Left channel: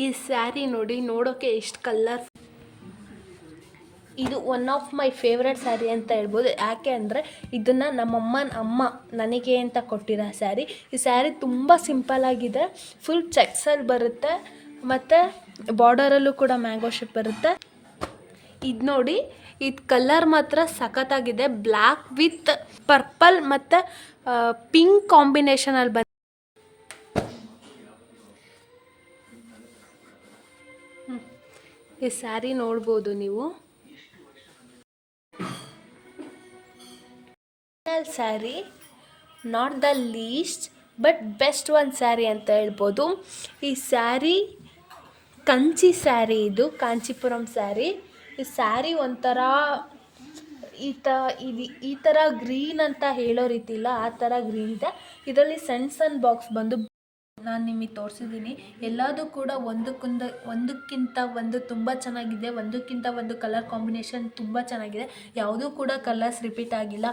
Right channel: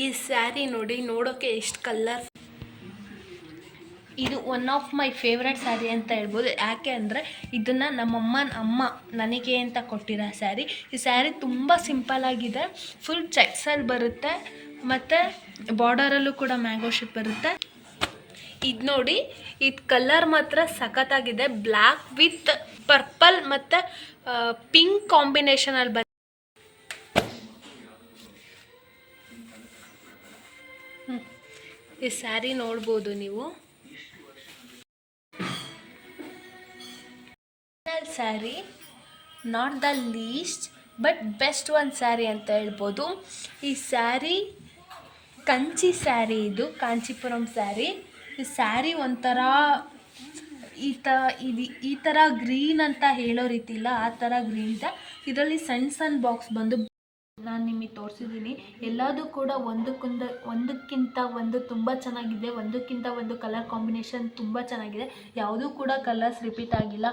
ಈ ಸ್ಯಾರಿ ನೋಡಿ, ನೋಡೋಕ್ಕೆ ಎಷ್ಟು ಕಲರ್. ಇದು one of my favourite sari ಅಂತ ಹೇಳ್ಬೋದು. ಯಾಕೆ ಅಂದರೆ ಇದನ್ನು ಅಮ್ಮ ನನಗೆ ಅಂತ ಕೊಟ್ಟಿರೋ ಸ್ಯಾರಿ. ಈ ಸ್ಯಾರಿ ತುಂಬ ಸಿಂಪಲ್ಲಾಗಿದೆ, ಫುಲ್ ಚೆಕ್ಸಲ್ಲಿ ಬರುತ್ತೆ ಮತ್ತು ಬಾರ್ಡರಲ್ಲೂ ಕೂಡ ಮ್ಯಾಂಗೋ ಶೇಪ್ ಬರುತ್ತೆ. ಇದು ನೋಡಿ, ಇದು ಕಲರ್ ಮಾತ್ರ ಸಖತ್ತಾಗಿದೆ. ಬ್ಲ್ಯಾಕ್ ವಿತ್ ಪರ್ಪಲ್ ಮತ್ತು ಪಿಂಕ್ ಕಾಂಬಿನೇಷನಲ್ಲಿ ಬಂದು ಈ ಸ್ಯಾರಿ ನೋಡ್ಬೋದು ನೀವು. Sari not the least but best one sari ಅಂತ ಹೇಳ್ಬೋದು. ಈ ಸ್ಯಾರಿ ಕಂಚಿ ಸ್ಯಾರಿ, ಇದು ಕಾಂಚೀಪುರಂ ಸ್ಯಾರಿ. ಈ ಸ್ಯಾರಿ ಒಂಥರ ಈ ಥರ ಗ್ರೀನ್ ಅಂತ ಹೇಳೋ ರೀತಿ ಇಲ್ಲ, ಆ ಥರ ಗ್ರೀನ್ ಇದೆ. ಇದರಲ್ಲಿ ಸಣ್ಣ ಬಾಕ್ಸ್ ಬಂದು ನಾನು ನಿಮಗೆ ತೋರಿಸಿದ್ದೀನಿ. ಎಲ್ಲದೂ ಕೂಡ ಒಂದಕ್ಕಿಂತ ಒಂದು ತುಂಬ ಚೆನ್ನಾಗಿದೆ. ಒಂದಕ್ಕಿಂತ ಒಂದು ಕಲರ್ ಕಾಂಬಿನೇಷನ್ ತುಂಬ ಚೆನ್ನಾಗಿದೆ. ಯಾವುದೂ ಕೂಡ ಕಲರ್ಸ್ ರಿಪೀಟ್ ಆಗಿಲ್ಲ,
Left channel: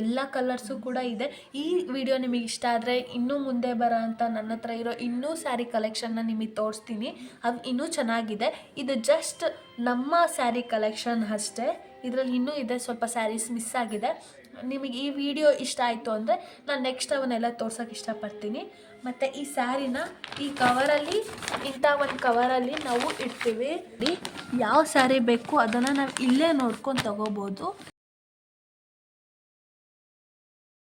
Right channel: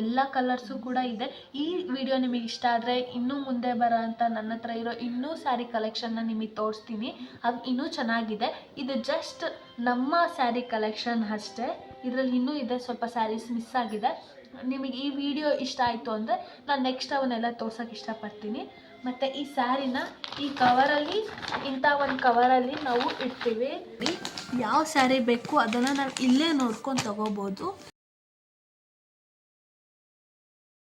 ಎಲ್ಲ ಕಲರ್ಸು ಕೂಡ ಇದೆ. ಈ ವಿಡಿಯೋ ನಿಮಗೆ ಇಷ್ಟ ಆದರೆ ಇನ್ನೂ ಮುಂದೆ ಬರೋ ಅಂಥ ನನ್ನ ಹತ್ರ ಇರೋ ಇನ್ನೂ ಸ್ಯಾರಿ ಕಲೆಕ್ಷನ್ನ ನಿಮಗೆ ತೋರಿಸ್ತೀನಿ. ಅದು ಇನ್ನೂ ಚೆನ್ನಾಗಿದೆ. ಇದು ಜಸ್ಟ್ ನಮ್ಮ ಸ್ಯಾರಿ ಕಲೆಕ್ಷನ್ ಅಷ್ಟೇ. ಇದರಲ್ಲಿ ಇನ್ನೂ ಇದೆ, ಸ್ವಲ್ಪ ಸ್ಯಾರೀಸ್ ಮಿಸ್ ಆಗಿದೆ. ನಿಮಗೆ ಈ ವಿಡಿಯೋ ಇಷ್ಟ ಆಯಿತು ಅಂದರೆ ನಾನು ನೆಕ್ಸ್ಟ್ ಅವನ್ನೆಲ್ಲ ತೋರ್ಸೋಕ್ಕೆ ಇಷ್ಟಪಡ್ತೀನಿ. ಮತ್ತು ಈ ಸ್ಯಾರಿನ ಈ ಕವರಲ್ಲಿ, ಇಂಥ ಒಂದು ಕವರಲ್ಲಿ ನಾವು ಇಡ್ತೀವಿ. ಯಾವ ಸ್ಯಾರಿ ಬೇಕು ಅದನ್ನು ನಾವು ಇಲ್ಲೇ ನೋಡ್ಕೊಂಡು ತಗೋಬೋದು.